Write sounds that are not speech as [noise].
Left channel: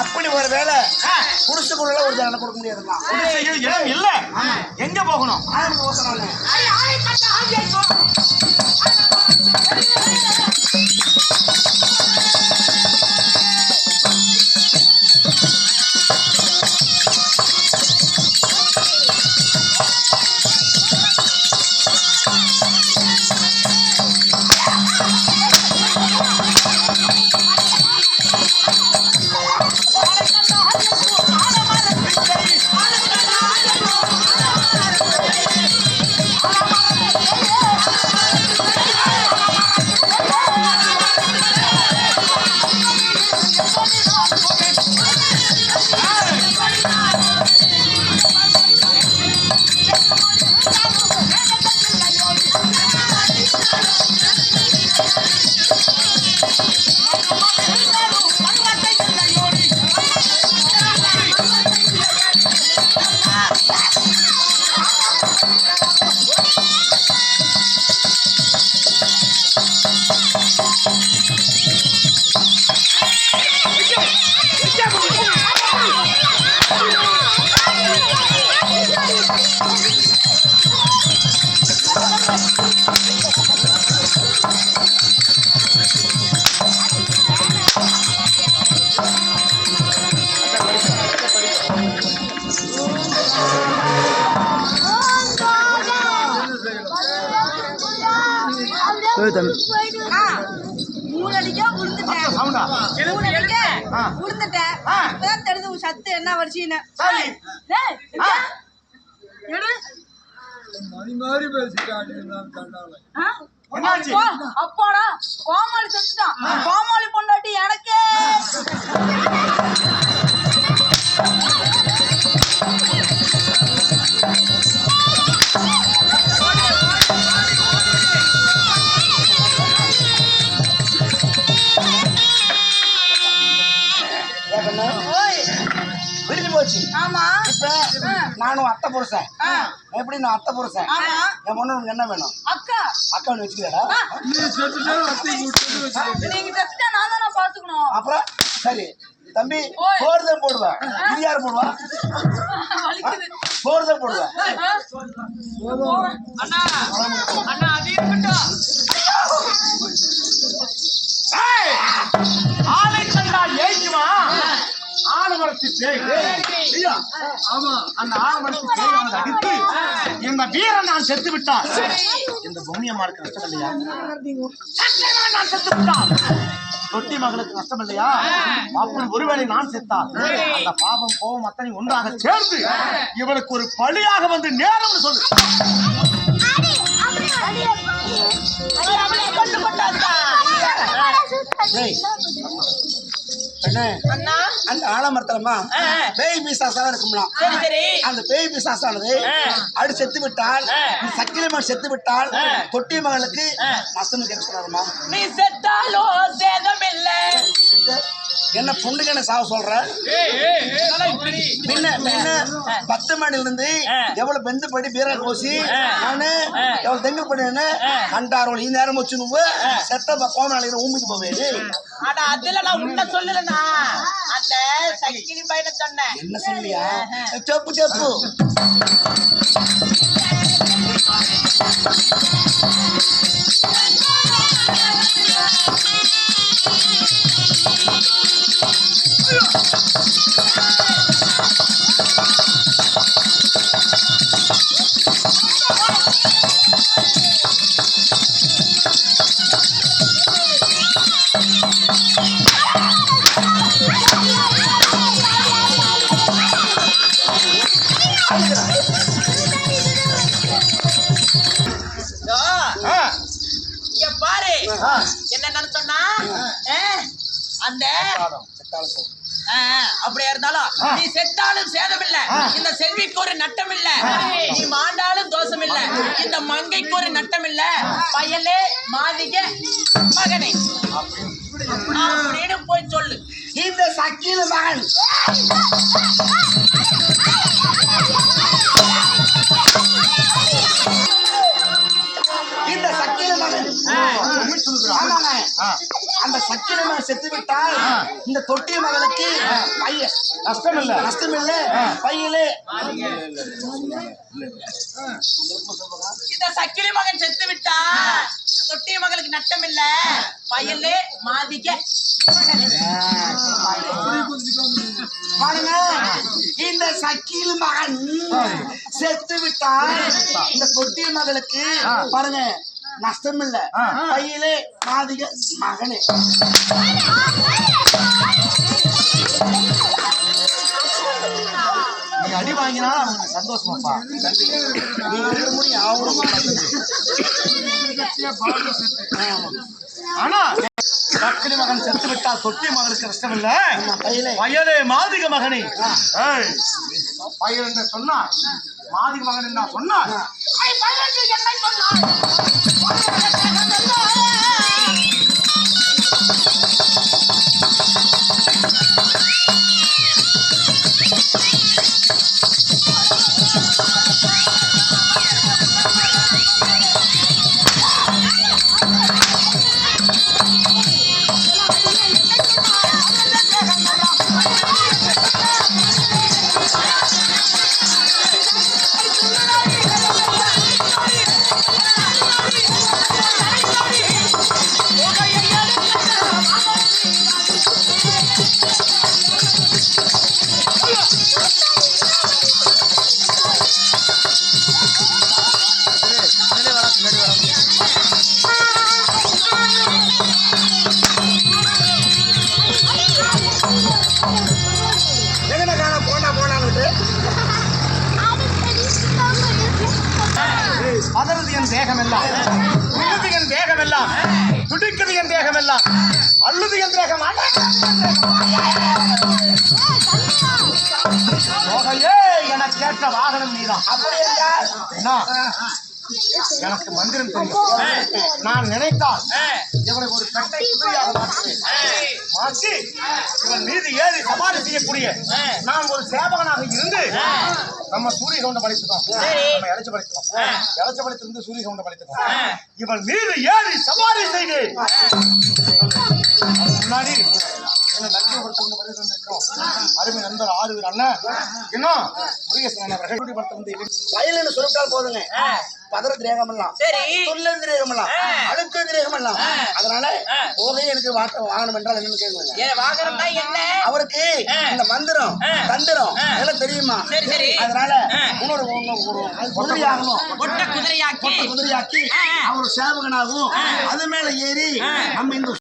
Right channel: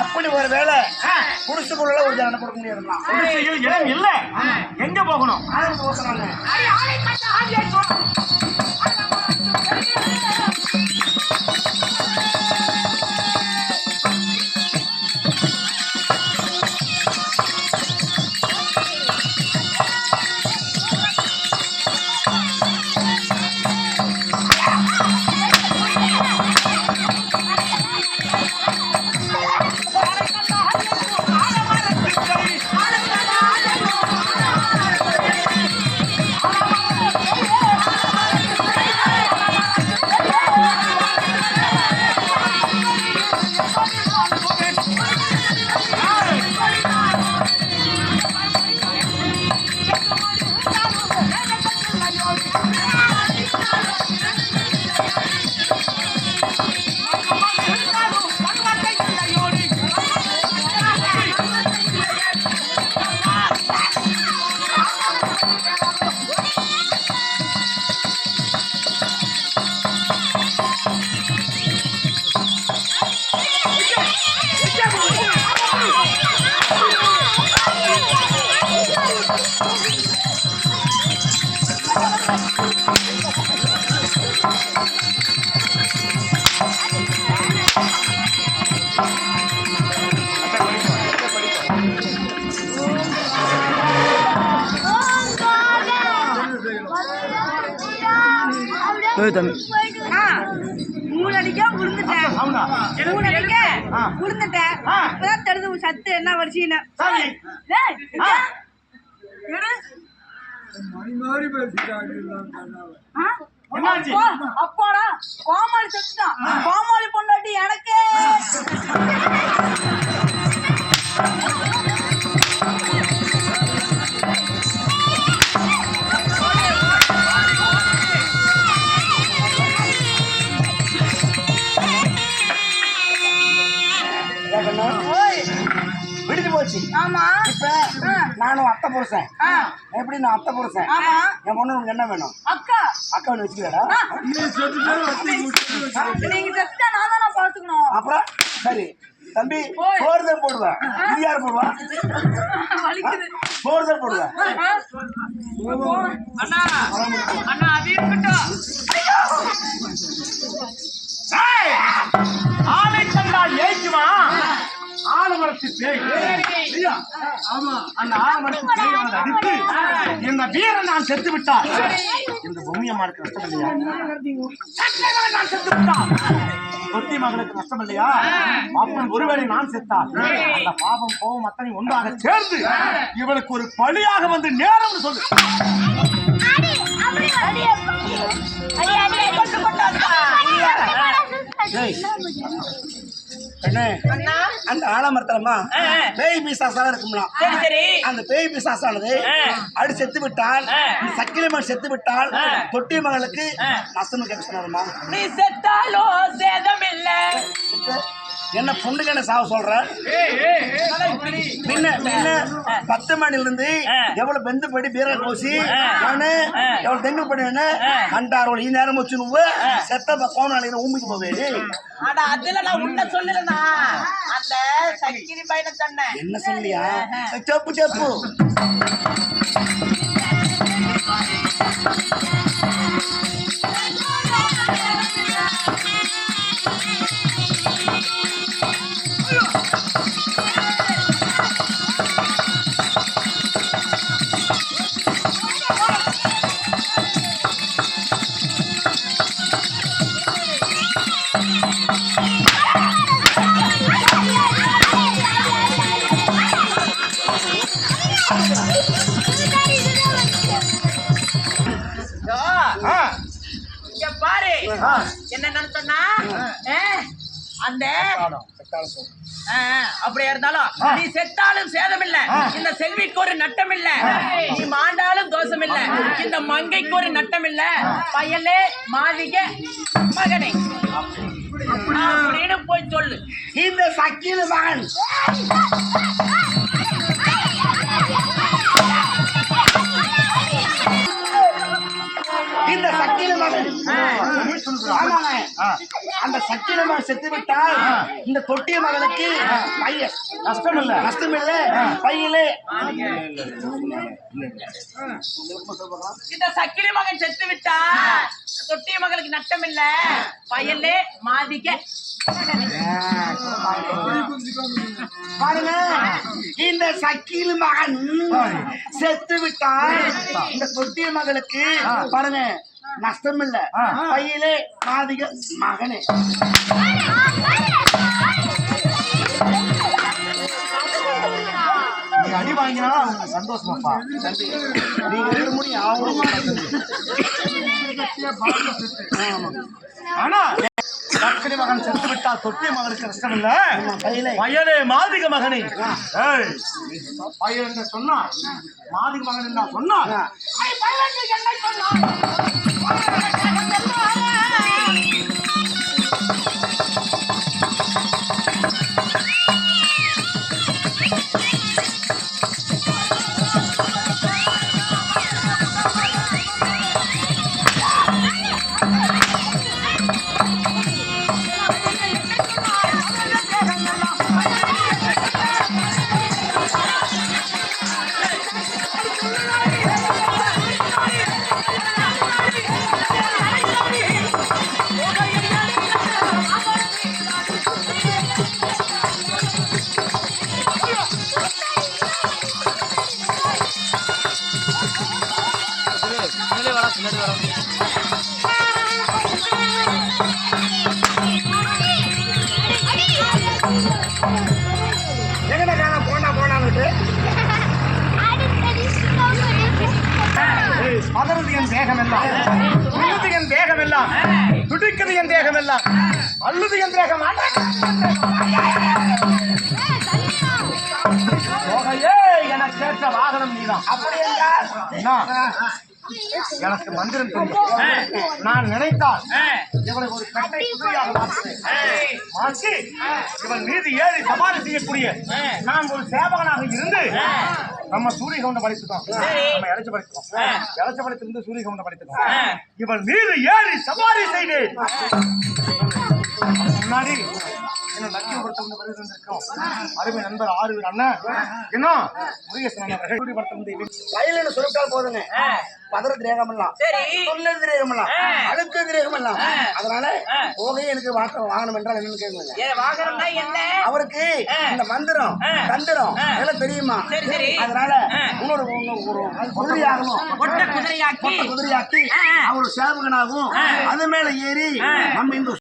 அப்படி ஒரு வேலை குடிசுக்குள்ள ஒரு ஜனம் கொடுக்க முடியாதுங்களா குடிசையில் இடம் இல்ல. எங்க போகணும்? மூணு அடிக்கா விழுந்துட்டேன் மூணு அடிக்க. விழுந்துட்டேன். இப்பதான் தெரிஞ்சு சத்து என்ன. எடு. மணி மாதிரி? அப்பா, அப்பாடா கோமாளி செத்துட்டான் கோமாளி பொண்டாட்டி எனக்கு. போச்சு. ஆமா. இப்ப நானும் அத்தை புருஷன். எப்படி நான் அத்தை புருஷன்? ஆமா. என் பொண்ணு உனக்கு என்ன வேணும்? அக்கா. அக்கா ஒன்று வச்சுக்கலடா? நீ செத்துட்டா அத்தை கூட்டு வச்சு நீங்க செத்துட்டா நான் தானே பாத்துக்கணும். அப்புறம் சரி. தம்பி ஓய். சோறு தான் போடுவேன் இது யார் போடுவா. வலிக்குது சோறு தான் போடுவேன் ஏய், ஆலமரத்து பேய் ஐயா, ஆமா அந்த ஆலமரத்து பேய் அவனை அடித்து இந்த வீரன் நான் செத்து விட்டார் இந்த நஷ்டம் இல்லையா? சத்தியமா நான் செத்து விட்டான். தொட்டி மகளுக்கு நஷ்டம் இல்லையா? அப்படி ஒருவேளை நான் செத்தால் அந்த பாவம் கோபம் அத்தனை ஒன்றாக சேர்ந்து இவளுக்கு ஒரு பழியாக வந்து நேரம்னு சொல்லு. டேய், கண்ணே, அந்த ஆலமரத்துலமா பேய் பிசாசா இருக்கும்லாம். அந்த பேய் பிசாசானது அடி செத்து விட்டால் சக்கிலிமன் செத்து விட்டால் தொட்டி மகளுக்கு நஷ்டம் கேட்க சொன்னாருமா. நீ செத்தாலோ சேதம் இல்லை என்ன பொண்ணுக்கு என்ன சாவ சொல்ற? முன்ன முன்ன பத்து மணில இருந்து எவ்வளவு பெந்து படி பீர கோசி நானு எவ்வளவு தெங்கு பண்ணு கண்டாரோல். இந்த நேரம் வச்சு நுவ செத்த கோம நாளைக்கு ஊம்பிட்டு போவேடி அட அதுல நான் உன்ன சொல்லலனா அந்த சக்கினி பையனை சொன்னேன். என்ன சொல்லியா? செப்பு செப்பு. என்ன நினைச்சோன்னா அந்த அப்படியா இருந்தாலும் நீ செத்தாலும் சேதம் இல்ல இந்த செல்விக்கு ஒரு நட்டம் இல்ல நீ மாண்டாலும் தோஷம் இல்ல இந்த மங்கைக்கு ஒரு நட்டம் இல்ல பயலே மாளிக மகனே. அப்படின்னு போய் சொல்லு. இந்த சக்கில மகன். அந்த சக்கிர மகன் செத்து விட்டால் இந்த தொட்டிய மகளுக்கு பையன் நஷ்டம் இல்ல. நஷ்டம் இல்ல. பையிலே. இந்த சக்கிலி மகன் செத்து விட்டா தொட்டிய மகளுக்கு நட்டம் இல்ல. பையனே மாதிக்க. பாருங்க. இந்த சக்கீல் மகன் செத்து விட்டால் இந்த தொட்டிய மகளுக்கு பாருங்க. நஷ்டம் இல்ல பையிலே மாதிக மகனே. நீ அடி வாங்கினா அவங்க சந்தோஷமாப்பா. நீ இருக்கிற முடியும் அவங்களும் ஆனா சக்கரை மகன் செத்து விட்டால் தொட்டி மகனுக்கு நஷ்டம் இல்ல பையிலே. வயலே மாதிக மகனே. ஏய், பையன் சொன்னா? மாதிக மகன் என்ன சொன்னா? Thank [laughs] you. தேகமெல்லாம். என் உள்ளது என் தேகமெல்லாம். துடிக்குது என் தேகமெல்லாம் அல்லது என் தேகம். போகையே எனக்கு கேட்ட வாகனம் நீதான். அப்படி என்ன? எனக்கு மந்திரம் தெரியும். நான் நினைத்தால் இவனை ஒரு கட்டை குதிரையாக மாற்றுவேன். மாற்றி இவன் மீது ஏறி சவாரி செய்யக்கூடிய நான் ஒரு சேவகனாக இருந்து நம்ம சூரிய கவுண்ட படித்துக்கோம். நம்ம இளைச்ச படித்துக்கோம். இளைச்ச படித்திருந்து சூரிய கவுண்ட படித்துக்கோம். இவன் மீது ஏறி சவாரி செய்து. முன்னாடி என்ன லட்சுமிபுரத்திலிருந்து வருகை வந்திருக்கோம் அருமை நண்பர் ஆறு அண்ணன் என்ன? முருகேசன் அண்ணன் பிரகடிபுரத்திலிருந்து வயலுன்னு சொல்லிட்டால் போதுங்க. பதற திரேகம் எல்லாம் சரி. தொல்லை திரேகம் எல்லாம் அழுத்த திரேகம் எல்லாம் அதனால போகை எனக்கு வாட்ட வாங்கணும் என்றால் என்னன்னு என்ன? அவருக்கு இந்த மந்திரம் தந்திரம் இதெல்லாம் தெரியுமா? சரி, சரி. அதனால இன்னொரு குதிரையாகணும். ஒட்ட குதிரையாக்கி. குதிரையாக்கி. அவர் சேவகனாகவும் அது மேல ஏறி நம்ம இந்த